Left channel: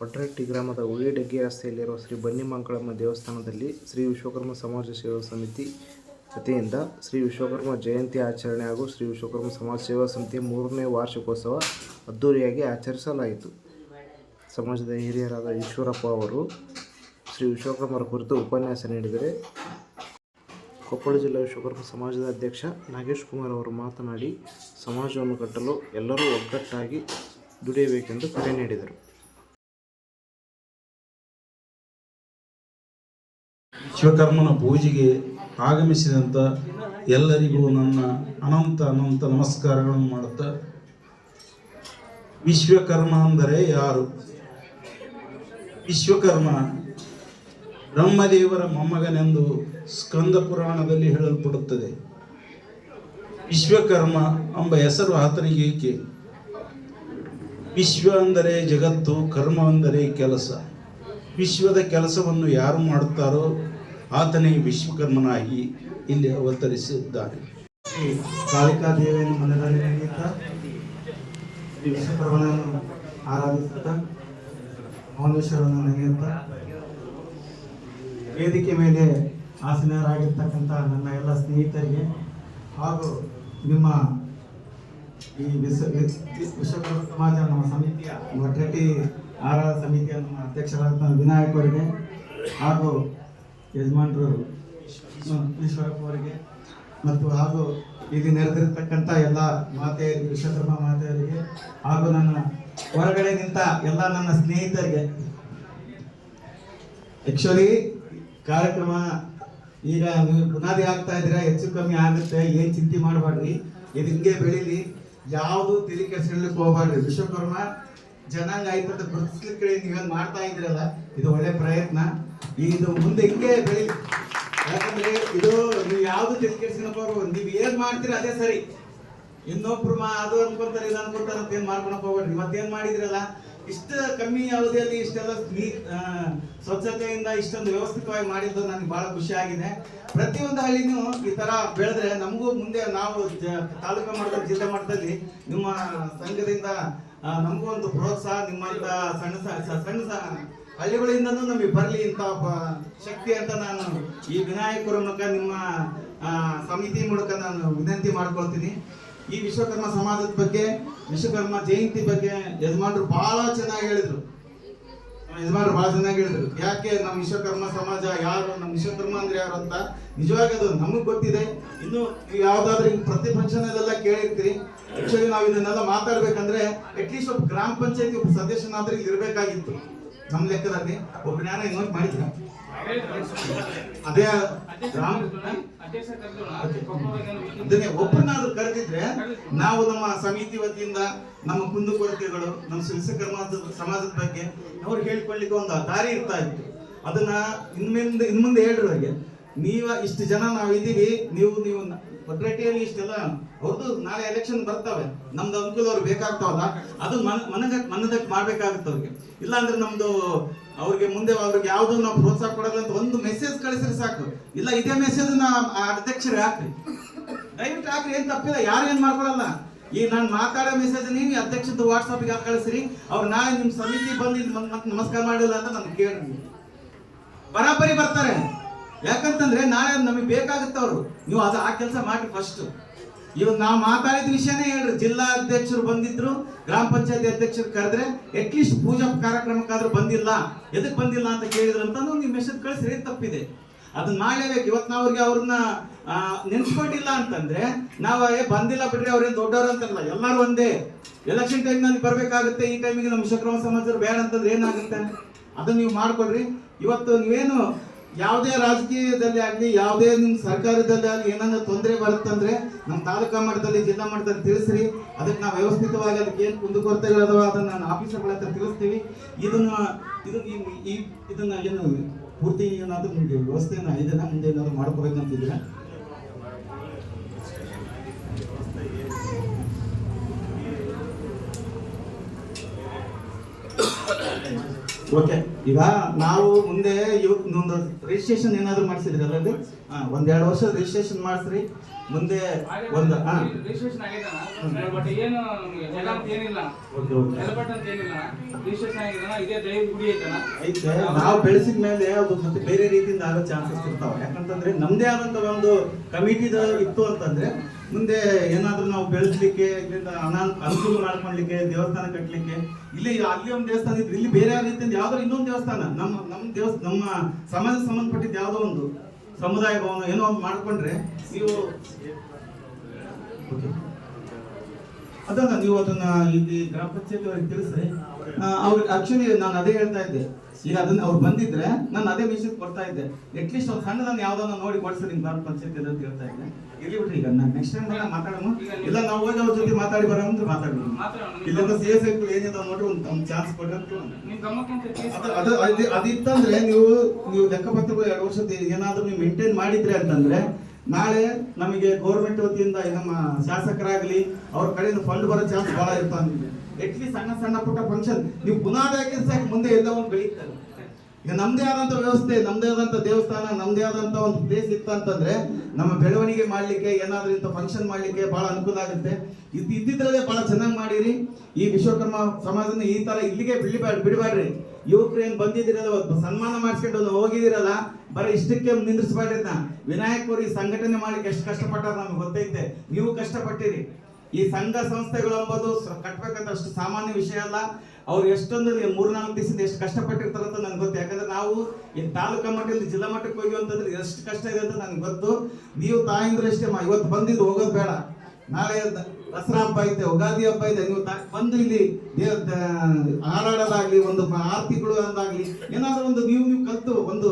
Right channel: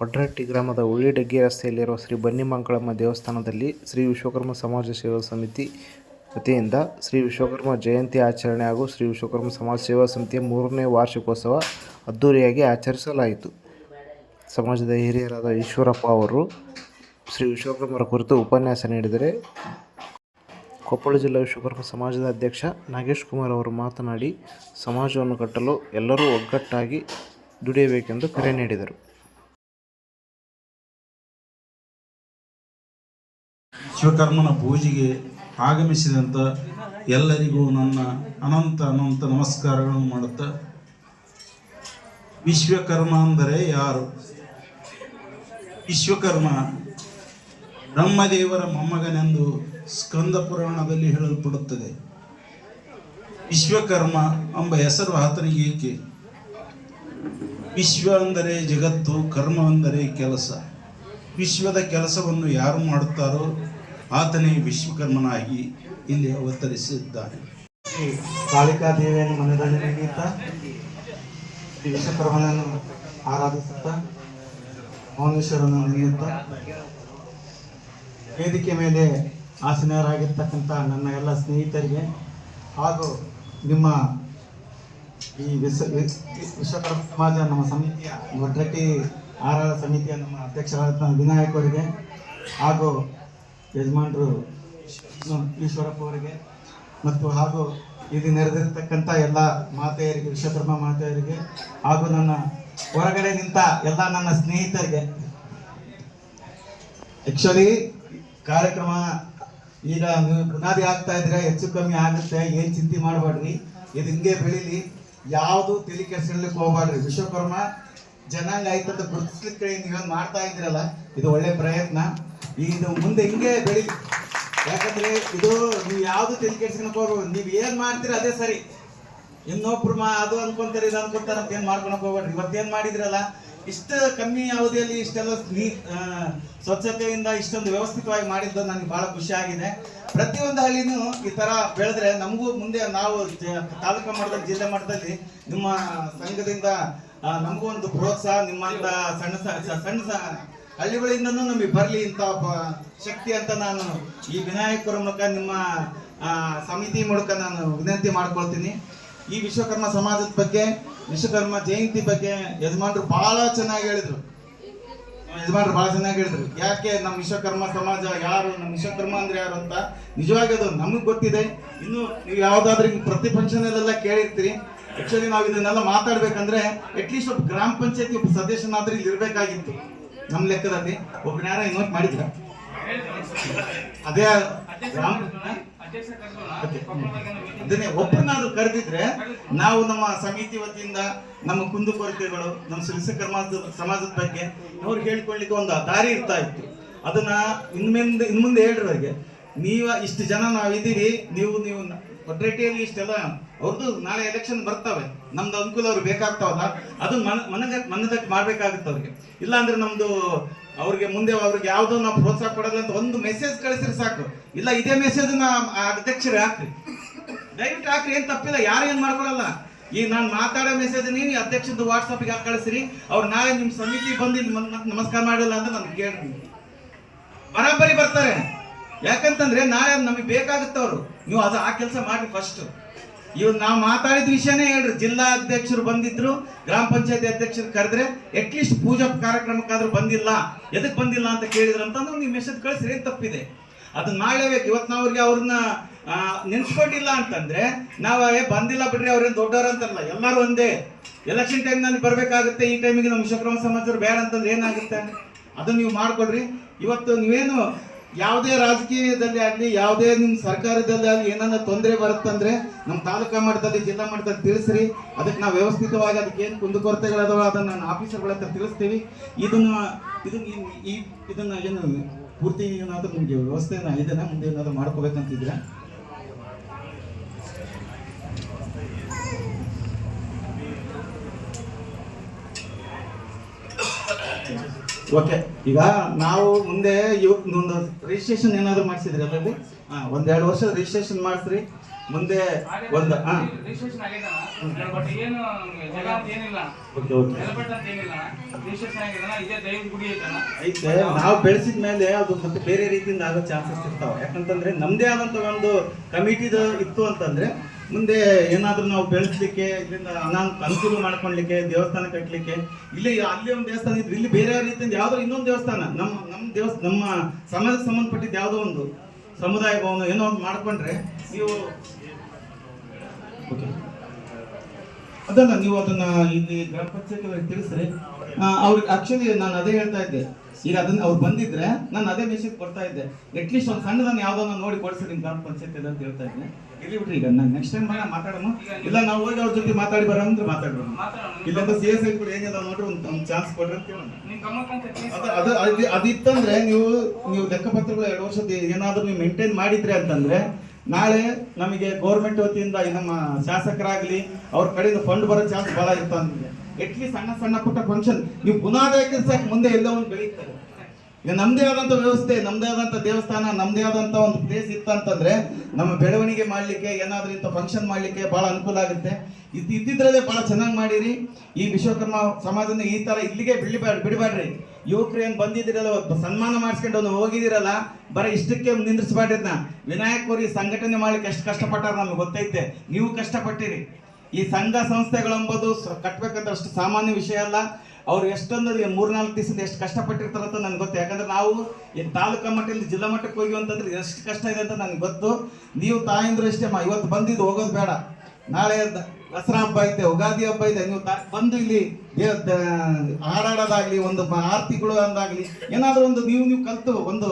ವಡ್ರಟ್ಟಿ ಗ್ರಾಮದ ಉಳಿಡಗ್ಗಿ ರಸ್ತೆಯಲ್ಲಿರುವ ಶ್ರೀ ಬನ್ನಿಮಂಗಳಮ್ಮ ದೇವಸ್ಥಾನದಲ್ಲಿ ಶ್ರೀ ವಿಶ್ವಕರ್ಮ ಸಮಾಜ ಸೇವಾ ಸಮಿತಿ ವತಿಯಿಂದ ಶ್ರೀ ವಿಶ್ವಕರ್ಮ ಜಯಂತಿ ಆಚರಣೆ ಹಾಗೂ ಶ್ರೀ ವಿಶ್ವಕರ್ಮ ಸಮಾಜ ಸೇವಾ ಸಮಿತಿಯ 3ನೇ ವಾರ್ಷಿಕೋತ್ಸವ ಅದ್ದೂರಿಯಾಗಿ ಆಚರಿಸಲಾಯಿತು. ಸಮಾಜದ ಹಿರಿಯರಾದ ಈಶ್ವರಪ್ಪ ಅವರು ಶ್ರೀ ವಿಶ್ವಕರ್ಮರ ಕುರಿತು ಉಪನ್ಯಾಸ ನೀಡಿದರೆ, ಕೊಪ್ಪಳ ಜಿಲ್ಲಾ ವಿಶ್ವಕರ್ಮ ಸಮಾಜದ ಅಧ್ಯಕ್ಷ ನಾಗೇಶ್ ಕುಮಾರ್ ಅವರು ಮಾತನಾಡಿ, ಸಮಾಜವನ್ನು ಕಟ್ಟಲು ಎಲ್ಲರೂ ಒಗ್ಗಟ್ಟಾಗಿ ದುಡಿಯಬೇಕೆಂದು ಕರೆ ನೀಡಿದರು. ವಿಶ್ವಕರ್ಮನ ಪೂಜೆಗೆ ಆಗಮಿಸಿದಂಥ ಎಲ್ಲರಿಗೂ ನನ್ನ ಅನಂತ ನಮಸ್ಕಾರಗಳನ್ನು ಮಾಡುತ್ತಾ, ವಿಶ್ವಕರ್ಮ ಅಂದರೆ ಯಾರು? ವಿಶ್ವಕರ್ಮ ಬ್ರಹ್ಮದೇವರ ಮೊಮ್ಮಗನೆಂದು ಸ್ಕಂದ ಪುರಾಣದಲ್ಲಿ ಹೇಳಲ್ಪಡುತ್ತದೆ. ವಿಶ್ವಕರ್ಮ ಎಂಬ ಹೆಸರು ಆತನಿಗೆ ಏಕೆ? ವಿಶ್ವ ಅಂದರೆ ಜಗತ್ತು, ಕರ್ಮ ಅಂದರೆ ಕೆಲಸ. ವಿಶ್ವದ ಕೆಲಸವನ್ನು ಯಾರು ಮಾಡುತ್ತಾರೋ ಆತನೇ ವಿಶ್ವಕರ್ಮನಾಗಿ ಇಲ್ಲಿ ಅವತರಿಸಿದ್ದಾನೆ. ಶ್ರೀ ಕಾಳಿಕಾ ದೇವಿಯನ್ನು ಮನರಂಜನೆಗಿಂತ ಶ್ರೀ ವಿಶ್ವಕರ್ಮನನ್ನು ಆರಾಧಿಸುತ್ತಾ ಮೌನೇಶ್ವರನ್ನು ನೆನೆಯುತ್ತಾ ವೇದಿಕೆ ಮೇಲೆ ಆಸೀನರಾಗಿರ್ತಕ್ಕಂಥ ನನ್ನ ಎಲ್ಲ ಸ್ನೇಹಿತರಿಗೆ ಹಾಗೂ ನಿಮ್ಮ ಈ ವಿಶ್ವಕರ್ಮ ಸಮಾಜ ನಮ್ಮ ಸಮಿತಿಯ ವಡ್ರಟ್ಟಿ ಆರಾಧ ಸಮಿತಿಯ ನಮ್ಮ ಅಧ್ಯಕ್ಷರಾದ ವಿನಾಯಕ್ ಅವರಿಗೆ ಹಾಗೂ ಯಜಮಾನರು ಈಶ್ವರಪ್ಪ ಅವರಿಗೆ ಮತ್ತು ಹಾಗೂ ಇಲ್ಲಿ ನೆರೆದಿರ್ತಕ್ಕಂಥ ಎಲ್ಲ ಮಾತೆಯರಿಗೆ, ವಿಶ್ವಕರ್ಮ ಮಾತೆಯರಿಗೆ ಹಾಗೂ ನನ್ನ ಹೊರಗಡೆ ನಿಂತ ಎಲ್ಲ ನನ್ನ ಸ್ನೇಹಿತರಿಗೆ. ಆ್ಯಕ್ಚುಲಿ ಕಾರ್ಯಕ್ರಮ ಈಗ ಬುನಾದಿ ಆಗ್ತಾ ಇದ್ರೆ ಹೆಚ್ಚು ಕಮ್ಮಿ ಆಗುತ್ತೆ, ಏನು ಚಿಂತೆ ಮಾಡಬೇಡ್ರಿ, ಇದು ಹಿಂಗೆ ಬೆಳೀಲಿ, ಯಾವುದು ತಲೆ ಕೆಡಿಸ್ಕೊಳ್ಳಿಕ್ಕೆ ಹೋಗ್ಬಾರ್ದು. ವಿಶ್ವಕರ್ಮ ಜನಾಂಗ ಆಯ್ತಂತ ಗುರುತಿಸ್ಲಿಕ್ಕೆ ನೀವೇನು ಮಾಡ್ತಾ ಇದ್ರಲ್ಲ, ಇದು ಒಳ್ಳೆ ಪ್ರಯತ್ನ. ಇದು ಮುಂದೆ ಹಿಂಗೆ ಬೆಳಿ, ಯಾಕಂದ್ರೆ ಇದು ನೀವು ಯಾವ್ದು ತಲೆ ಕೆಡಿಸ್ಕೊಳಕ್ ನೀವು ಏನ್ ಮಾಡ್ತೀರಿ ಅದೇ ಸರಿ. ಇನ್ನೊಬ್ರು ಅದು ಅನ್ಕೊಂತಾರೆ, ಇದು ಅನ್ಕೊಂತಾರೆ ಅಂತ ಏನ್ ಮಾಡ್ಕೊಳಕ್ ಹೋಗ್ಬೇಡ್ರಿ. ಇವತ್ತೇನ್ ಮಾಡಿದ್ರಲ್ಲ, ಇಷ್ಟು ಕಮ್ಮಿ ಅವಧಿಯಲ್ಲಿ ಇಷ್ಟೆಲ್ಲ ಸ್ವಚ್ಛತೆಯಿಂದ ಇಷ್ಟೊಂದು ವ್ಯವಸ್ಥಿತವಾಗಿ ಮಾಡಿದ್ದು ನನಗೆ ಬಹಳ ಖುಷಿ ಆಗಿದೆ. ಪ್ರತಿಯೊಂದು ಹಳ್ಳಿನೂ ಈ ತರ ಬೆಳೆದ್ರೆ ನಮಗೂ ಮುಂದೆ ನಾವು ತಾಲೂಕು ಮಟ್ಟದಲ್ಲಿ, ಜಿಲ್ಲಾ ಮಟ್ಟದಲ್ಲಿ ನಿಮ್ಮ ಸಂಘದಿಂದ ನಮಗೂ ಒಂದು ಪ್ರೋತ್ಸಾಹ, ನಿಮ್ಮಂತ ಸಣ್ಣ ಹಳ್ಳಿಗಳಿಂದನೂ ನಮಗೆ ಬರಲಿ ಅಂತ ಶಕ್ತಿ ಅಂತ ನಾನು ಈ ವಿನಾಯಕರ ಮೂಲಕ ನಿಮ್ಮ ಸಮಿತಿ ಮೂಲಕ ನಾನು ವಿನಂತಿ ಮಾಡ್ಕೊಳ್ತೀನಿ. ಈ ವಿಶ್ವಕರ್ಮ ಸಮಾಜದ ಬಗ್ಗೆ, ವಿಶ್ವಕರ್ಮ ಜಯಂತಿ ಬಗ್ಗೆ ಯಜಮಾನರು ಬಹಳ ಚೆನ್ನಾಗಿ ಹೇಳಿದ್ರು. ಯಾಕೆ ನಮ್ಮ ವಿಶ್ವಕರ್ಮ ಸಮಾಜ ಯಾರು, ನಮ್ಮ ವಿಶ್ವಕರ್ಮ ಅಂದ್ರೆ ಯಾರು ಅಂತ ನಿಜವಾಗಿ ಅದು ನಮಗೆ ಗೊತ್ತಿದೆ. ಇನ್ನು ನೀವು ಯಾವ್ದಾದ್ರು ಪ್ರತಿ ಫಂಕ್ಷನ್ ಅಲ್ಲೆಲ್ಲ ಕೇಳಿರ್ತೀರಿ. ಆಕ್ಚುಲಿ ನಾವು ಇದನ್ನೆಲ್ಲ ಮಾತಾಡ್ಬೇಕಂದ್ರೆ ಅಟ್ಲೀಸ್ಟ್ ಒಬ್ಬ ಗ್ರಾಮ ಪಂಚಾಯತಿ ಒಬ್ಬ ಸದಸ್ಯನಾದ್ರೆ ಇಲ್ಲಿ ಇರ್ಬೇಕಾಗಿತ್ತು. ನಮ್ಮ ಲೆಕ್ಕದಲ್ಲಿ ಒಬ್ಬನ ಯಾರ ಇನ್ವೈಟ್ ಮಾಡಿದ್ರ? ಅದೇ ಅದನ್ನೇ ಒಬ್ಬರನ್ನಾದ್ರೂ ಕರೆದಿದ್ರೆ ನಾವು ನಮ್ಮ ಸಮಿತಿ ವತಿಯಿಂದ ನಮ್ಮ ಕುಂದುಕೊರತೆಗಳು, ನಮ್ಮ ವಿಶ್ವಕರ್ಮ ಸಮಾಜದ ಬಗ್ಗೆ ಅವ್ರು ಹೇಳ್ಕೊಳ್ಳಿಕ್ಕೆ ಒಂದು ದಾರಿ ಇರ್ತಾ ಇತ್ತು. ಅದನ್ನ ಇನ್ಮುಂದೆ ಹೇಳ್ರಿ, ನೀವ ಇಷ್ಟು ಜನ ನಾವಿದ್ದೀವಿ, ನೀವು ವಡ್ರಟ್ಟಿಯಲ್ಲಿ ಇಷ್ಟೆಲ್ಲ ಅವ್ರದ್ದು ನಾಳೆ ಎಲೆಕ್ಷನ್ ಬರ್ತಾವೆ, ನಮ್ದು ಅನುಕೂಲ ಅವ್ರಿಗೆ ಬೇಕಾಗ್ತಾವಲ್ಲ, ಅದು ಮನದಕ್ಕೆ ಮಾಡ್ಬೇಕಾಗುತ್ತೆ ಅವ್ರಿಗೆ. ಇಲ್ಲ ಅಂದ್ರೆ ನಮ್ದು ಅವ್ರಿಗೆ ಮುಂದೆ ಅವ್ರಿಗೆ ಯಾವ್ದು ನಾವು ಪ್ರೋತ್ಸಾಹ ಕೊಡೋಲ್ಲ ಅಂತ ಒಂದು ಮೆಸೇಜ್ ಕಳಿಸಿದ್ರೆ ಸಾಕು. ಇಲ್ಲ ಇದೇ ಮೆಸೇಜ್ ಅಧ್ಯಕ್ಷರಿಗೆ ಹಾಕ್ರಿ, ದಯವಿಟ್ಟು ಹಾಕ್ರಿ, ಏನ್ ತಪ್ಪಿಲ್ಲ, ಯಾರು ಏನ್ ಮಾಡ್ಕೊಳಲ್ಲ. ಈ ನಾನು ಮಾತಾಡೋ ಮೆಸೇಜ್ ನೀವು ಅಧ್ಯಕ್ಷದ ವಾಟ್ಸಪ್ಗೆ ಹಾಕಿ ಕಳಿಸ್ರಿ. ಅವ್ರು ನಾಳೆ ನಿಮ್ ಸಮಿತಿ ಬಂದು ಮತ್ತೆ ನಮಸ್ಕಾರ ಮಾಡಿಲ್ಲ ಅಂತ ನನ್ಗೆ ಕೇಳ್ರಿ, ಬರಾಬರಿ ಬರ್ತಾರೆ. ಯಾಕಂತಂದ್ರೆ ನಾಳೆ ನಮಗೆ ಬೇಕಾಗುತ್ತವ್ರು, ನೀವು ಅದು ಆ ಕೆಲಸ ಮಾಡಿ. ಫಸ್ಟ್ ಇವ್ ನಾವು ಮಾತಾಡಿದ ವಿಷಯನೇ ಹೇಳ್ರಿ. ಜಿಲ್ಲಾ ಅಧ್ಯಕ್ಷರು ಬಂದಿದ್ರು, ಗ್ರಾಮ ಪಂಚಾಯತಿ ಅಧ್ಯಕ್ಷರು ಕರೆದ್ರೆ ಅಟ್ಲೀಸ್ಟ್ ಪೂಜಾ ಕಾರ್ಯಕ್ರಮಕ್ಕಾದ್ರೂ ಬಂದಿಲ್ಲ, ಎದಕ್ ಬಂದಿಲ್ಲ ಅಂತ ಕೇಳಿದ್ರು ಅಂತ ನೀವು ಮೆಸೇಜ್ ಕಳಿಸ್ರಿ, ಏನ್ ತಪ್ಪಿದೆ? ಅದನ್ನ ಮಾಡ್ಲೇಬೇಕು. ಇವತ್ತು ನಾವು ಅವ್ರಿಗೆ ಅವ್ರನ್ನ ನೆನ್ಸ್ಕೊಂಡಿಲ್ಲ ಅಂತಂದ್ರೆ ನಾವು ಬಂದಿಲ್ಲ ಬಿಡ್ರಿ, ಅವ್ರೇನ್ ದೊಡ್ಡವ್ರ ಅಂತಾರಲ್ಲ, ಎಲ್ಲರೂ ಒಂದೇ. ಎಲೆಕ್ಷನ್ ಟೈಮ್ ನಲ್ಲಿ ಬರ್ಬೇಕಾಗುತ್ತೆ, ಈ ಟೈಮಿಗೆ ನಮ್ಮ ವಿಶ್ವಕರ್ಮ ಸಮಾಜರು ಬೇಡ ಅಂತಂದ್ರೆ ಏನಾಗುತ್ತೆ? ಅದನ್ನ ನೀವು ಮಾಡ್ಕೊಡ್ರಿ. ಇವತ್ತು ನೀವೇನು ಯಾವುದೇ ರಾಜಕೀಯದಲ್ಲಿ ಆಗಲಿ, ಯಾವುದೇ ನಿಮ್ಮ ಸರ್ಕಾರದಲ್ಲಿ ಆಗಲಿ ಏನಾದ್ರು ತೊಂದರೆ ಬರುತ್ತಂದ್ರೆ ನಮ್ಮ ತಾಲೂಕಾ ಮಟ್ಟದಲ್ಲಿ, ಜಿಲ್ಲಾ ಮಟ್ಟದಲ್ಲಿ ತಿಳಿಸ್ರಿ. ಅದಕ್ಕೆ ನಾವು ವ್ಯವಸ್ಥಿತವಾಗಿ ಅದಕ್ಕೆ ಏನು ಕುಂದುಕೊರತೆಗಳದಾವ ಅದನ್ನ ನಾನು ಆಫೀಸರ್ಗಳ ಹತ್ರ ತಿಳಿಸ್ತೀವಿ. ಇದನ್ನ ಏನು ಪೂರ್ತಿ ಏನಾದರೂ ನಿಮಗೆ ವ್ಯವಸ್ಥೆನ ಇದನ್ನ ಮುಂದೆ ಏನಾದ್ರು ಮಾಡ್ಕೋಬೇಕಂತಿದ್ರೆ ಓಕೆ. ಈಗ ನಾವು ಮುಂದೆ ಒಂದು ರಿಜಿಸ್ಟ್ರೇಷನ್ ಏನಾದ್ರು ಮಾಡಿಸಿದ್ರಿ ಅಲ್ಲಲ್ಲಿ, 1-2 ವರ್ಷ ರಿಜಿಸ್ಟ್ರೇಷನ್ ಮಾಡಿಸ್ರಿ. ಮುಂದೆ ಒಂದು ರಿಜಿಸ್ಟ್ರೇಷನ್ ಆಗೈತಣ್ಣ ಬಟ್ ಏನು ನಮಗೆ ಜಾಗ ಅಂತ ಏನಿಲ್ಲ ನೆಲಪಟ್ಟ ಅಂತ ಏನಿಲ್ಲ ರಿಜಿಸ್ಟ್ರೇಷನ್ ಆಗಿದೆಣ್ಣ ಇದೇ ದೈವ ಗುಡಿ ಐತಣ್ಣ ಐತೆ ನಾವು ಬೆಳೆಸಿದ ಮೇಲೆ ಅದು ಮತ್ತೆ ಬೇರೆ ರೀತಿಯಿಂದ ಆಗೋ ಚಾನ್ಸಸ್ ಇರ್ತಾವೆ ಯಾಕಂತಂದ್ರೆ ನಮ್ದೇ ಆದಂತ ಒಂದು ಕಮಿಟಿದ ಇತ್ತು ಅಂತಂದ್ರೆ ಮುಂದೆ ಏನಾದ್ರೂ ನಾವು ಬೆಳೆಸ್ಲಿಕ್ಕೆ ಇದರಿಂದ ಅನುಕೂಲ ಮಾಡ್ಕೊಳ್ಲಿಕ್ಕೆ ದೇವಸ್ಥಾನ ಕಟ್ಟಲಿಕ್ಕೆ ಇಲ್ಲಿ ಅಲ್ಲಿ ಒಂದು ದೇವಸ್ಥಾನ ಇತ್ತು ಇಲ್ಲಿ ಬೇರೆ ರೀತಿಯಿಂದ ಯಾವ್ದಾದ್ರು ಇನ್ನೊಂದು ದೇವಸ್ಥಾನ ನಮ್ಮ ಸಮಾಜಕ್ಕೆ ಸಂಬಂಧಪಟ್ಟಿದ್ದು ಯಾವುದೋ ಒಂದು ಸಮುದಾಯ ಭವನ ಏನೋ ಒಂದು ಮಾಡ್ಕೊಂಡ್ರೆ ನೀವು ಅದನ್ನ ನೀವು ಅದನ್ನ ಇಲ್ಲಿ ಗ್ರಾಮ ಪಂಚಾಯತ್ ಅವರಿಗೆ ತಿಳಿಸ್ರಿ. ಅವ್ರಿಗೆ ಆಕ್ಚುಲಿ ನಾನು ಅದೇ ಹೇಳ್ತಾ ಇದ್ದೆ, ಈಗ ಅದನ್ನ ಅವ್ರು ಬಂದಿದ್ರೆ ನಾನು ಅದೇ ಮೆಸೇಜ್ ಕೊಡ್ತಾ ಇದ್ದೆ, ಅಟ್ಲೀಸ್ಟ್ ಒಂದು ಸಣ್ಣದನ್ನ ಯಾವ್ದನ್ನ ನೋಡಿ ಕೊಡ್ಸಿರಿ ಗ್ರಾಮ ಪಂಚಾಯತ್ ಅಂತ ಹೇಳ್ತಾ ಇದ್ದೆ. ಇಲ್ಲಿ ಬಿಟ್ರಿ ಈಗ ನಾನು ನೆಕ್ಸ್ಟ್ ಟೈಮ್ ಮಾತಾಡೋಣ, ಇಲ್ಲ ನಾವು ಹೋಗಿ ಅವ್ರ ಜೊತೆ ಮಾತಾಡಿ ಬರೋಣ ಅಂದ್ರೆ ಮಾತಾಡೋಣ, ಇಲ್ಲೊಂದು ಸೇಸ್ ಐಗಳು ಏನಿದಾವ ನೋಡ್ರಿ ಒಂದು ಚಾನ್ಸ್ ಕೊಡ್ರಿ ಅಂತ ಹೇಳೋಣ. ಅದಿತ್ತಂದ್ರೆ ನೀವು ಲೆಕ್ಕಪತ್ರಗಳು 2 ವರ್ಷದ ಏನಾದ್ರೂ ನೀವು ಮೇಂಟೈನ್ ಮಾಡಿದ್ರೆ ಅಂತಂದ್ರೆ ನಾಳೆ ನಮಗೆ ಗೌರ್ಮೆಂಟ್ ವತಿಯಿಂದ ನಮ್ಮ ಶಾಸಕರಾಗ್ಲಿ ಅವ್ರ ಕಡೆಯಿಂದ ಫಂಡ್ ಬರೋ ಚಾನ್ಸ್ ಬಹಳ ಇರ್ತಾವೆ. ಅಟ್ಲೀಸ್ಟ್ ಸಣ್ಣ ಪುಟ್ಟ ಫಂಕ್ಷನ್ ನೀವು ಪುನಃ ಸಾಕು ಮುಂದೆ ಎಲ್ಲೋ ಒಂದು ಬೆಳೀತಾರೆ. ಈಗ ನಮ್ದೇ ಆದಂತ ವ್ಯವಸ್ಥೆ, ನಮ್ದೇ ಆದಂತ ದೇವಸ್ಥಾನ, ನಮ್ದೇ ಆದಂತ ಒಂದು ಪ್ಲೇಸ್ ಇತ್ತು ಅಂತಂದ್ರೆ ನಮ್ಮ ಬೆಳವಣಿಗೆ ಮಾಡ್ಲಿಕ್ಕೆ ಏನಾದ್ರೂ ಇಂಥ ಫಂಕ್ಷನ್ ಮಾಡ್ಲಿಕ್ಕೆ ಬಹಳ ಅನುಕೂಲ ಆಗುತ್ತೆ. ಇದ್ದಿದ್ರಲ್ಲೇ ಬಹಳ ಚೆನ್ನಾಗಿ ಮಾಡಿರಿ. ಈ ವಿಶ್ವಕರ್ಮ ಸಮಾಜನ ಈ ತರ ಇಲ್ಲಿಗೆ ಬಿಡಬೇಡ್ರಿ. ಯುವಕರು ಏನ್ ಬಂದಿದ್ದೀರಲ್ಲ, ಸನ್ಮಾನ ಮಾಡಿಸ್ಕೊಂಡು ಹೋಗಿದಿರಲ್ಲ, ಬರೀ ಇಷ್ಟಕ್ಕೆ ನಿಂದ್ರಿಸ್ಬೇಡ್ರಿ. ವಿನಾಯಕರು ಈ ಸಂಘಟನೆ ಮಾಡ್ಲಿಕ್ಕೆ ಎಷ್ಟು ಕಷ್ಟಪಟ್ಟಾರ ನಮ್ಗೆ ಗೊತ್ತೈತೆ, ನೀವು ಕಷ್ಟಪಟ್ಟಿರಿ. ಈ ಸಂಘ ಸಂಸ್ಥೆಗಳೆಂಬುದು ಕಟ್ಬೇಕಂತ ಅಷ್ಟು ಸಾಮಾನ್ಯ ವಿಷಯ ಅಲ್ಲ. ಅವ್ರು ಎಷ್ಟೊಂದು 3-4 ದಿವಸದಿಂದ ಎಷ್ಟು ಕಷ್ಟಪಟ್ಟಿರ್ತಾರಂತ ನನಗೆ ಗೊತ್ತು. ಯಾಕಂದ್ರೆ ನಾವು ಈ ತಾಲೂಕಾ ಮಟ್ಟದಿಂದ ಜಿಲ್ಲಾ ಮಟ್ಟಕ್ಕೆ ಹೋಗಿ ಅಂತಂದ್ರೆ ಎಷ್ಟು ಕಷ್ಟ ಇದೆ ಅಂತ ನನಗೆ ಗೊತ್ತು. ನೀವು ತಾಯಂದ್ರು ಇಷ್ಟೇ ಇವತ್ತು ಬಂದಿದ್ದು ಹೋಗೋದು ಬೇಡ. ನಾಳೆ ದಸರಾ ಹಬ್ಬ ಐತೆ, ಯುಗಾದಿ ಹಬ್ಬ ಇದೆ, ನೀವು ಬಂದು ಇಲ್ಲಿ ಹಾಡಾಡೋದಾಗ್ಲಿ, ಒಂದು ಆರತಿಗಳು ಅಂದಾಗ್ಲಿ ಏನಾದ್ರು ಒಂದು ನೀವು ಕಲ್ತು ಒಂದು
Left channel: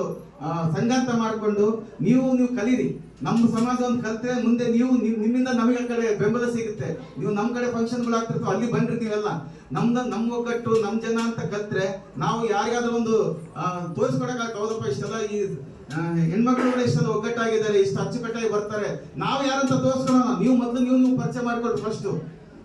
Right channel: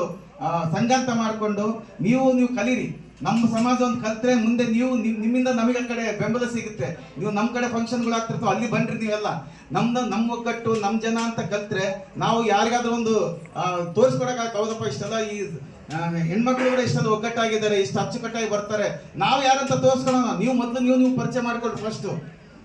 ಸಂಘಂತ ಮಾಡಿಕೊಂಡು ನೀವು ಕಲೀರಿ. ನಮ್ಮ ಸಮಾಜ ಒಂದು ಕಲ್ತ್ರೆ ಮುಂದೆ ನಿಮ್ಮಿಂದ ನಮಗೆ ಕಡೆ ಬೆಂಬಲ ಸಿಗುತ್ತೆ. ನೀವು ನಮ್ಮ ಕಡೆ ಫಂಕ್ಷನ್ಗಳು ಆಗ್ತಿರ್ತಾವೆ, ಅಲ್ಲಿ ಬನ್ರಿ. ನೀವೆಲ್ಲ ನಮ್ಮ ಒಗ್ಗಟ್ಟು, ನಮ್ಮ ಜನ ಅಂತ ಕಲ್ತ್ರೆ ನಾವು ಯಾರಿಗಾದ್ರೂ ಒಂದು ತೋರಿಸ್ಕೊಡಕ್ಕೆ ಹೌದಪ್ಪ ಇಷ್ಟೆಲ್ಲ ಈ ಹೆಣ್ಮಕ್ಳು ಕೂಡ ಇಷ್ಟೆಲ್ಲ ಒಗ್ಗಟ್ಟಾಗಿದ್ದಾರೆ, ಇಷ್ಟು ಅಚ್ಚುಕಟ್ಟಾಗಿ ಬರ್ತಾರೆ, ನಾವು ಯಾರಂತ ತೋರಿಸ್ಕೊಳ್ಳೋಣ. ನೀವು ಮೊದಲು ನೀವು ಪರಿಚಯ ಮಾಡ್ಕೊಳ್ರಿ. ಫಸ್ಟ್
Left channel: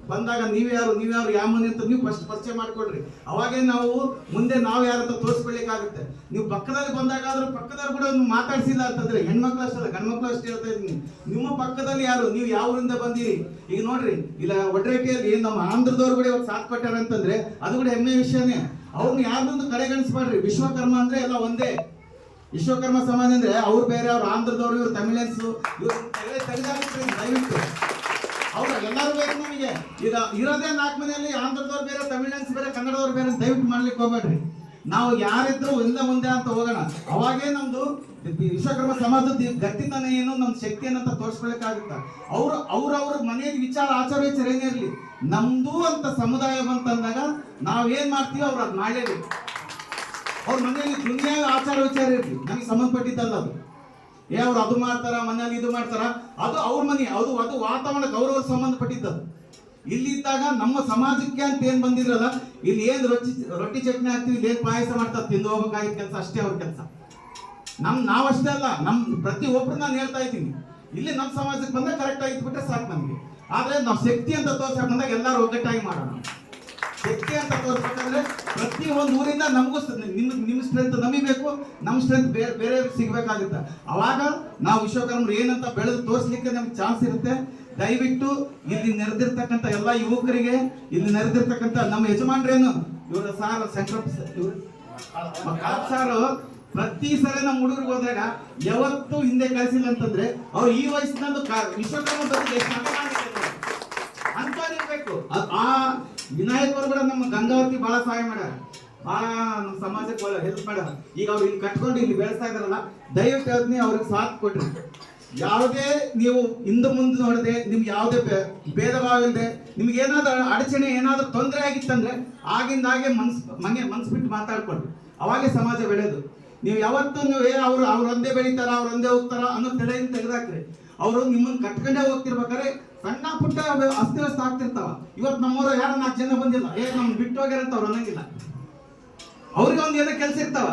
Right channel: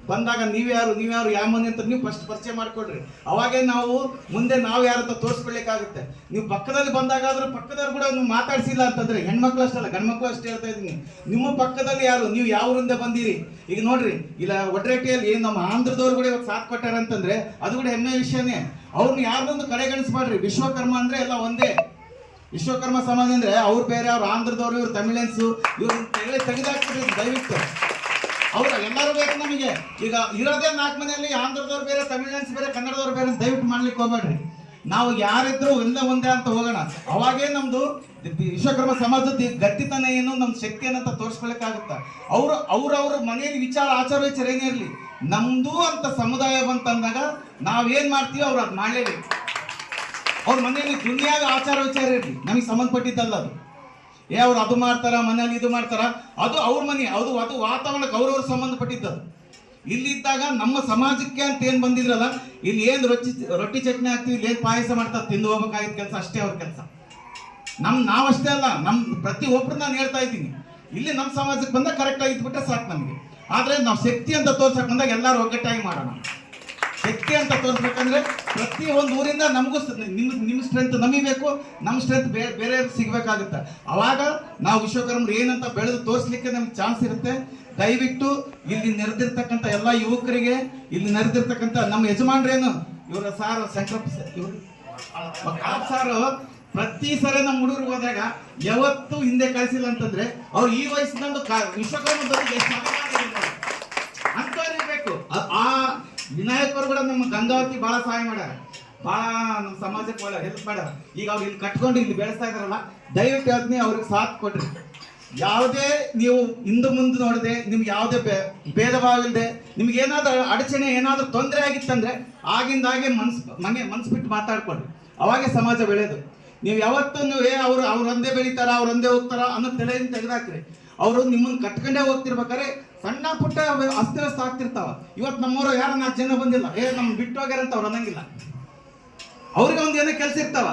ಬಂದಾಗ ನೀವ್ಯಾರು ಯಾವ ಮನೆ ಅಂತ ನೀವು ಫಸ್ಟ್ ಪರಿಚಯ ಮಾಡ್ಕೊಡ್ರಿ. ಅವಾಗೇ ನಾವು ಮುಂದೆ ನಾವು ಯಾರಂತ ತೋರಿಸ್ಕೊಳ್ಳಿಕ್ಕಾಗುತ್ತೆ. ನೀವು ಪಕ್ಕದಲ್ಲಿ ಬಂದಾಗಾದ್ರೂ ಪಕ್ಕದವ್ರು ಕೂಡ ನೀವು ಮಾತಾಡ್ಸಿಲ್ಲ ಅಂತಂದ್ರೆ, ಹೆಣ್ಮಕ್ಳು ಅಷ್ಟಲ್ಲ ಗಂಡ್ಮಕ್ಳು ಅಷ್ಟೇ ಹೇಳ್ತಾ ಇದ್ದೀನಿ, ನಿಮ್ಮ ಪಕ್ಕದಲ್ಲಿ ಯಾರು, ನೀವು ಯಾವರಿಂದ ಬಂದಿರಿ. ಈಗ ನೋಡ್ರಿ, ಇಲ್ಲ ಒಡ್ರೇಟಿಯಲ್ಲಿ ನಮ್ಮ ಆಂಧ್ರದವ್ರು ಕೂಡ ಇವತ್ತು ಸಾಥ್ ಕೊಟ್ಟಾರ ಅಂತಂದ್ರೆ ಅದು ಕೂಡ ಹೆಮ್ಮೆ ವಿಷಯನೇ. ಅವ್ರನ್ನ ಯಾರ್ದೊಂದು ಕಡೆಗಣಿಸ್ಬಾಡ್ರಿ. ವಿಶ್ವಕರ್ಮ ಅಂದ್ರೆ ಎಲ್ಲ ಒಂದೇ. ವಿಶ್ವಕರ್ಮ ಸಮಾಜ ಅಂದ್ರೆ ಅವ್ರು ಬೇರೆ, ಅವ್ರು ಆಂಧ್ರದವ್ರು, ಇವ್ರು ತಮಿಳಿಯನ್ಸು, ಇವ್ರು ತೆಗೆದಾಕ್ಬಿಟ್ರಿ ದಯವಿಟ್ಟು. ಅವ್ರ ಎಲ್ಲರೂ ಬೇಕು ನಮಗೆ. ಈಗ ಇರೋದೇ 4 ಮನೆಯಲ್ಲಿ ಆಂಧ್ರದವ್ರು ಬೇರೆ, ತಮಿಳಿಯನ್ಸ್ ಬೇರೆ, ಕನ್ನಡದವ್ರು ಬೇರೆ ದಯವಿಟ್ಟು ಮಾಡ್ಲಿಕ್ಕೆ ಹೋಗ್ಬೇಡ್ರಿ. ನಾವು ಯಾರಿದ್ರು ಒಂದೇ ಅಂತ ಹೋಗೋಣ. ಅವಾಗೇ ನಮ್ದು ವಿಶ್ವಕರ್ಮ ಸಮಾಜದ ಗಟ್ಟಿತನ ಏನು, ನಮ್ಮ ಶಕ್ತಿ ಏನಂತ ತೋರಿಸ್ಕೊಳಕ್ಕಾಗುತ್ತ. ಅವ್ರ ಮನೆಯಲ್ಲಿ ಆಚಾರ ವಿಚಾರ ಏನೇ ಇರಲಿ, ನಮ್ದು ಅಂತ ಸಮುದಾಯ ಬಂತಂದಾಗ ನಾವೇನ್ ಮಾಡ್ತೀವಿ ಅವ್ರು ಅದು ಮಾಡಲೇಬೇಕು. ಅವ್ರ ಮನೆಯಲ್ಲಿ ದುನಿಯಾದ ಆಚಾರ ವಿಚಾರ ಇರಲಿ, ನಮಗೆ ಸಂಬಂಧಪಟ್ಟಿದ್ದಲ್ಲ ಅದು. ಅವ್ರು ಅದು ಮಾಡ್ತಾರ, ಮನೇಲಿ ಇದು ಮಾಡ್ತಾರ, ಅದು ಅವ್ರ ಮನೆ, ಅದು ವಾತಾವರಣಕ್ಕೆ ಅವ್ರವ್ರ ಸಂಬಂಧಪಟ್ಟಿದ್ದದು. ಇಲ್ಲಿದ್ದಾಗ ನಮ್ಮ ಸಮಾಜಕ್ಕೆ ಅಂತ ಏನ್ ಬಂದಿದ್ರಲ್ಲ, ಇಲ್ಲಿ ಏನ್ ರೊಟ್ಟಿ ಚಟ್ನಿ ಹಾಕ್ತಿವಿ, ಇಲ್ಲಿ ಏನ್ ಪಾಯಸ ಮಾಡ್ತಾರೆ, ತಿಂದು ಹೋಗ್ಬೇಕಾಗಿದ್ದ ಕೆಲಸ ಅಷ್ಟೇ ಅವ್ರ ಕೆಲಸ. ನಾವಷ್ಟೇ ಅಲ್ಲ, ಪ್ರತಿ ಒಬ್ರು ನಾನು ಹೇಳ್ತಾ ಇದ್ದೀನಿ, ಇಲ್ಲಿ ನಮ್ಮ ಸಮಾಜಕ್ಕೆ ಬಂದಾಗ ಕರೆಕ್ಟ್ ಆಗಿ ಇದ್ಬಿಟ್ರೆ ಸಾಕು ನಮಗೆ. ಆದ್ರೆ ನಾವು ಶಕ್ತಿ ಅಂತ ತೋರ್ಸಕ್ ಬಂದಾಗ ಎಲ್ಲರೂ ಒಗ್ಗಟ್ಟಾಗಿ ಮಾಡೋಣ. ಶಕ್ತಿ ಅಂತ ತೋರಿಸ್ಬೇಕಂದ್ರೆ ಪ್ರತಿ ಒಂದು ಊರಿಂದ ನಮಗೂ ನಿಮ್ಮ ಸ್ಟ್ರೆಂತ್ ನಮಗೆ ಬೇಕು, ನಮ್ಮ ಸ್ಟ್ರೆಂತ್ ಬೇರೆ ಸಿಗ್ಬೇಕಾಗುತ್ತೆ. ಅವಾಗ ನಾವು ವಿಶ್ವಕರ್ಮರು ಏನಂತ ಬೆಳೆದು ತೋರಿಸ್ಲಿಕ್ಕೆ ನಮ್ಗೆ ಚಾನ್ಸ್ ಇರುತ್ತೆ. ದಯವಿಟ್ಟು ಇಲ್ಲಿ ನೆರೆದಿರ್ತಕ್ಕಂಥ ಎಲ್ಲ ಯುವಕರಿಗೆ, ಇಲ್ಲಿ ನೆರೆದಿರ್ತಕ್ಕಂಥ ನಮ್ಮ ಯಜಮಾನ್ರೇನು ಇವರ ಸಾರ್ ಸಂಕಲ್ಪ ಸಾರು ಪ್ರತಿ ಸಲ ನಮ್ಮ ಹುಡುಗರಿಗೆ ಹೋದಾಗ ಯಾವತ್ತು ಹಿಂದೆ ಕಳಿಸಿಲ್ಲ ಅಂತಂದ್ರೆ ಅವ್ರು ಈ ವಯಸ್ಸಿನಂದು ವಿಶ್ವಕರ್ಮ ಅಂತವ್ರಿರ್ಬೇಕು. ಆ ವಿನಾಯಕರು ಕೂಡ ನಮ್ಮ ಗಂಗಾವತಿ ಬಹಳ ಸಹಾಯ ಮಾಡ್ಯಾರ, ಬಹಳ ನಮ್ಮ ಸಮಾಜಕ್ಕೆ ಒಳ್ಳೆ ಹೆಲ್ಪ್ ಮಾಡ್ಯಾರ. ಈಗ ಅವ್ರು ಇಲ್ಲಿ ಕಟ್ಕೊಂಡು ಇಲ್ಲಿ ಬೆಳೆಸ್ತಾ ಇದಾರಲ್ಲ, ದಯವಿಟ್ಟು ಹೇಳ್ತೀನಿ ಅವ್ರಿಗೆ ಸಾಥ್ ಕೊಡ್ರಿ. ಯಾವುದೇ ನೀವು ಹಿಂದೆ ಮುಂದೆ ನೋಡದೆ, ನಿಮ್ಗೆ ಯಾವುದೇ ಭೇದ ಭಾವ ಇಲ್ಲದೆ, ನಿಮ್ಗೆ ಏನಾದ್ರೂ ಅಡಚಣೆ, ಏನಾದ್ರೂ ತೊಂದರೆ ಆಗಿತ್ತಂದ್ರೆ ಆಗಿಂದಾಗೆ ಮನ್ಸು ಬಿಟ್ಟು ಮಾತಾಡ್ಕೊಳ್ರಿ. ಅವಾಗೆ ಸಮಾಜ ಬೆಳೆಯೋದು. ನೀವು ಯಾವತ್ತೂ ಅವ್ರು ಒಂದೇ ಬೆಳಿತಾರ, ಅವ್ರು ಒಂದೇ ಹೋಗ್ತಾರ ಅನ್ನೋ ತಲೆಯಿಂದ ತೆಗೆದಾಕ್ರಿ. ಅವರು ನಿಮ್ಮನ್ನು ಕಟ್ಕೊಂಡೇ ಹೋಗ್ತಿರ್ಬೇಕಾದ್ರೆ ಸಣ್ಣ ಪುಟ್ಟ ಅಸ್ತವ್ಯಸ್ತ ಆಗ್ತಿರ್ತಾವ. ಇವತ್ತು ನಮ್ಮವರು ಯಾರು 4 ಜನ ಬಂದಿಲ್ಲ, ನಮ್ ಬಿಟ್ಟು ಹೋಗ್ಯಾರ ಅಂತ ಅವ್ರು ಅನ್ನಂಗಿಲ್ಲ. ಅವ್ರಿಗೆ ಒಂದು ಏನೋ ಕೆಲಸ ಇರ್ತಾವ,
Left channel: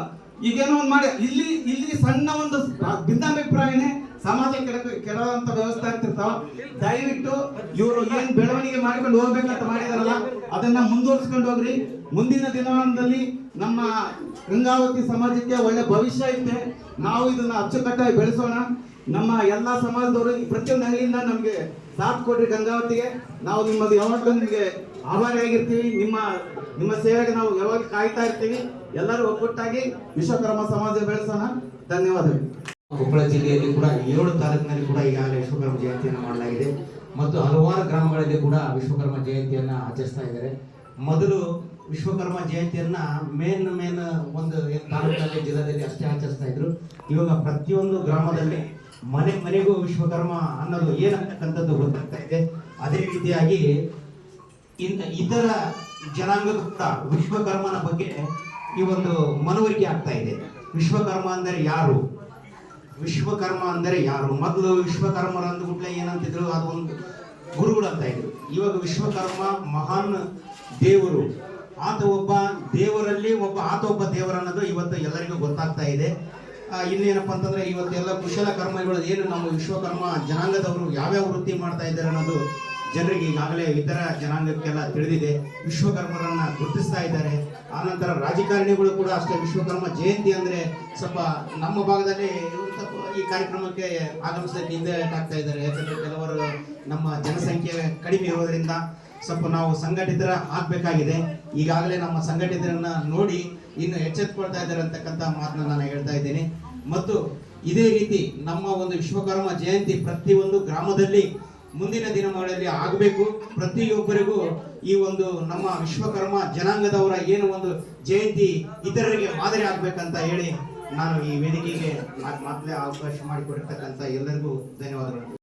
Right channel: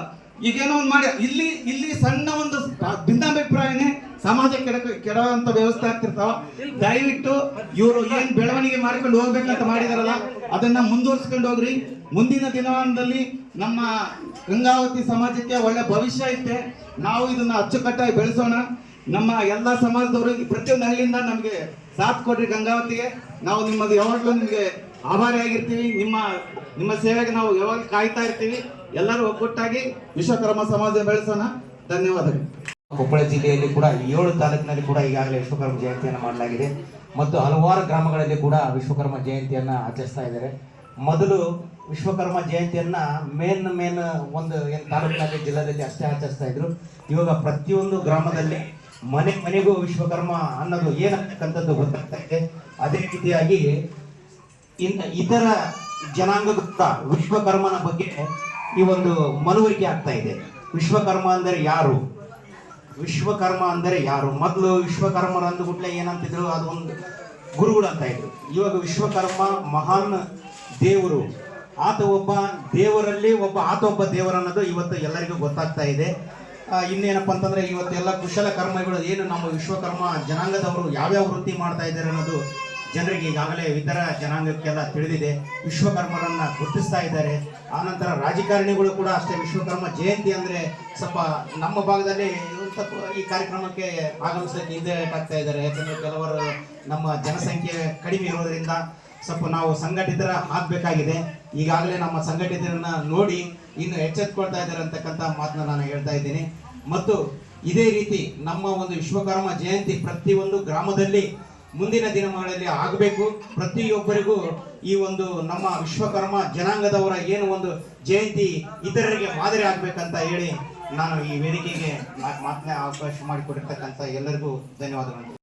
ಈಗೇನೋ ಒಂದು ಮಾಡಿ ಇಲ್ಲಿ ಸಣ್ಣ ಒಂದು ಭಿನ್ನಾಭಿಪ್ರಾಯನೇ ಸಮಾಜ ಕೆಡುವಂತ ವ್ಯವಸ್ಥೆ ಆಗ್ತಿರ್ತಾವ. ದಯವಿಟ್ಟು ಇವರು ಏನ್ ಬೆಳವಣಿಗೆ ಮಾಡ್ಕೊಂಡು ಹೋಗ್ಬೇಕಂತ ಮಾಡಿದಾರಲ್ಲ, ಅದನ್ನ ಮುಂದುವರ್ಸ್ಕೊಂಡು ಹೋಗ್ರಿ. ಮುಂದಿನ ದಿನಮಾನದಲ್ಲಿ ನಮ್ಮ ಗಂಗಾವತಿ ಸಮಾಜಕ್ಕೆ ಒಳ್ಳೆ ಭವಿಷ್ಯ ಐತೆ. ನಾವು ಇದನ್ನ ಅಚ್ಚುಕಟ್ಟಾಗಿ ಬೆಳೆಸೋಣ. ನಮ್ಮ ಎಲ್ಲ ಸಮಾಜದವರು ಪ್ರತಿಯೊಂದು ಅಂಗಡಿಯಿಂದ ನಮಗೆ ಸಾಥ್ ಕೊಡ್ರಿ ಗಂಗಾವತಿಗೆ. ನಾವು ನಿಮ್ಮದು ಯಾವಾಗಲೂ ನಿಮಗೆ ಆಭಾರಿಯಾಗಿರ್ತೀವಿ. ನಿಮ್ಮ ಸೇವೆಗೆ ನಾವು ಯಾವಾಗ ಕಾಯ್ತಾ ಇರ್ತೀವಿ. ಎಲ್ಲರೂ ಒಗ್ಗಟ್ಟಾಗಿ ವಿಶ್ವಕರ್ಮ ಸಮಾಜ ಬೆಳೆಸೋಣ. ಧನ್ಯವಾದಗಳು. ಕೊಪ್ಪಳ ಜಿಲ್ಲೆಯಲ್ಲಿ ಕೂಡ 7 ತಾಲೂಕಿನಲ್ಲಿ ಕೂಡ ಈಗಾಗಲೇ ವಿಶ್ವಕರ್ಮ ಜಯಂತಿಯನ್ನು ಮಾಡಲಾಗಿದೆ ಮತ್ತು ಹಲವಾರು ಗ್ರಾಮಗಳಲ್ಲಿ ಕೂಡ ವಿಶ್ವಕರ್ಮ ಜಯಂತಿಯನ್ನು ಆಚರಿಸ್ತಾ ಇದ್ದಾರೆ. ಮೊದಲು ವಿಶ್ವಕರ್ಮ ಜಯಂತಿಯನ್ನ ಮೇನ್ ಒಂದು ತಾಲೂಕಿನಲ್ಲಿ ಜಿಲ್ಲೆಯಲ್ಲಿ ಅಷ್ಟೇ ಆಚರಿಸ್ತಾ ಇದ್ರು. ಇವಾಗ ಪ್ರತಿಯೊಂದು ಗ್ರಾಮದಲ್ಲಿ ಮನೆಗೂ ವಿಶ್ವಕರ್ಮ ಅನ್ನೋದು ಏನಂತಕ್ಕಂಥದ್ದು ಗೊತ್ತಾಗ್ತಾ ಇದೆ. ಅದೇ ರೀತಿಯಾಗಿ ಇತರ ಜನಾಂಗಕ್ಕೂ ಕೂಡ ವಿಶ್ವಕರ್ಮನ ಬಗ್ಗೆ ಈ ಒಂದು ಮನವರಿಕೆ ಆಗ್ತಾ ಇದೆ. ವಿಶ್ವಕರ್ಮ ಅಂದರೆ ಯಾರು, ವಿಶ್ವಕರ್ಮ ಅಂದರೆ ಯಾರು? ಮೊದಲು ವಿಶ್ವಕರ್ಮರು ಅಂದುಬಿಟ್ಲೆ ಏನಂತಿದ್ರು, ಅದೊಂದು ಗುರುಗಳು ಅಂತ ಇದ್ರು. ಇವಾಗ ವಿಶ್ವಕರ್ಮ ಮಹಾನ್ ದೇವರು, ಆತ ಒಬ್ಬ ದೇವರಲ್ಲಿ ಆತ ಒಬ್ಬ ದೇವರು ಅನ್ನೋದು ಇವತ್ತು ಎಲ್ಲರಿಗೂ ಗೊತ್ತಾಗ್ತಾ ಇದೆ. ಇನ್ನೇನಪ್ಪ ಅಂತಂದ್ರೆ ಇವತ್ತೆಲ್ಲ ಕುಶಲ ಕರ್ಮಗಳು ಏನು ನಮ್ಮ ವಿಶ್ವಕರ್ಮ ಜನಾಂಗದವರು ಯಾವ್ಯಾವ ವೃತ್ತಿ ಮಾಡ್ತಾ ಇದ್ದಾರೆ ಅನ್ನೋದು ಜನರಿಗೆ ಈಗಾಗಲೇ ಇತರ ಜನಾಂಗಕ್ಕೆಲ್ಲ ತಿಳಿದಿದೆ. ವಿಶ್ವಕರ್ಮರನ್ನ ಗುರುತಿಸ್ತಾ ಇದ್ದಾರೆ. ಆನಂತರ ರಾಜಕಾರಣಿಗಳು ಕೂಡ ಅಷ್ಟೇ ವಿಶ್ವಕರ್ಮ ಜಯಂತಿ ಅಂದ್ರೆ ಸ್ವಲ್ಪ ನಮ್ಮ ಭಾಗದಲ್ಲಿ ಈ ಕಾರ್ಯಕ್ರಮಕ್ಕೆ ಆಗಮಿಸಲಿಕ್ಕೆ ಹಿಂದೆ ಆಗ್ತಾ ಇದ್ದಾರೆ. ಯಾಕಂದ್ರೆ ಕೆಲವರು ನಮ್ಮ ಜನಸಂಖ್ಯೆ ಕಡಿಮೆ ಇರೋದ್ರಿಂದ ಸ್ವಲ್ಪ ನಾವು ಸಂಘಟಿತರ ಆಗ್ಬೇಕಾಗಿದೆ. ಈಗಾಗಲೇ ನಮ್ಮ ಸಂಘಟಿತರನ್ನ ನೋಡಿ ಇನ್ನು ಎಚ್ಚೆತ್ಕೊಳ್ತಾ ಇದ್ದಾರೆ ಅಂತಕ್ಕಂಥ ಮಾತನ್ನ ನಾನು ಹೇಳ್ತಾ ಇದ್ದೀನಿ. ಮತ್ತು ಇದೇ ರೀತಿ ನಮ್ಮ ಒಂದು ವಿಶ್ವಕರ್ಮ ಜಯಂತಿ ಪ್ರತಿಯೊಂದು ಗ್ರಾಮದಲ್ಲಿ ಮುಂದಿನ ದಿನಗಳಲ್ಲಿ ಆಗಬೇಕು. ಪ್ರತಿಯೊಬ್ಬರಿಗೂ ಈ ಒಂದು ನಮ್ಮ ವಿಶ್ವಕರ್ಮ ಜನಾಂಗದವರ ಏನು ಒಂದು ಜಯಂತಿ ಇತರರಿಗೆ ಮಾದರಿ ಆಗ್ಬೇಕಂತ ಹೇಳಿ ನಾನು ಈ ವೇದಿಕೆಗೆ ಮಾತನಾಡ ಅವಕಾಶ ಮಾಡಿಕೊಟ್ಟಿರ್ತಕ್ಕಂಥ ಎಲ್ಲರಿಗೂ ಧನ್ಯವಾದಗಳು.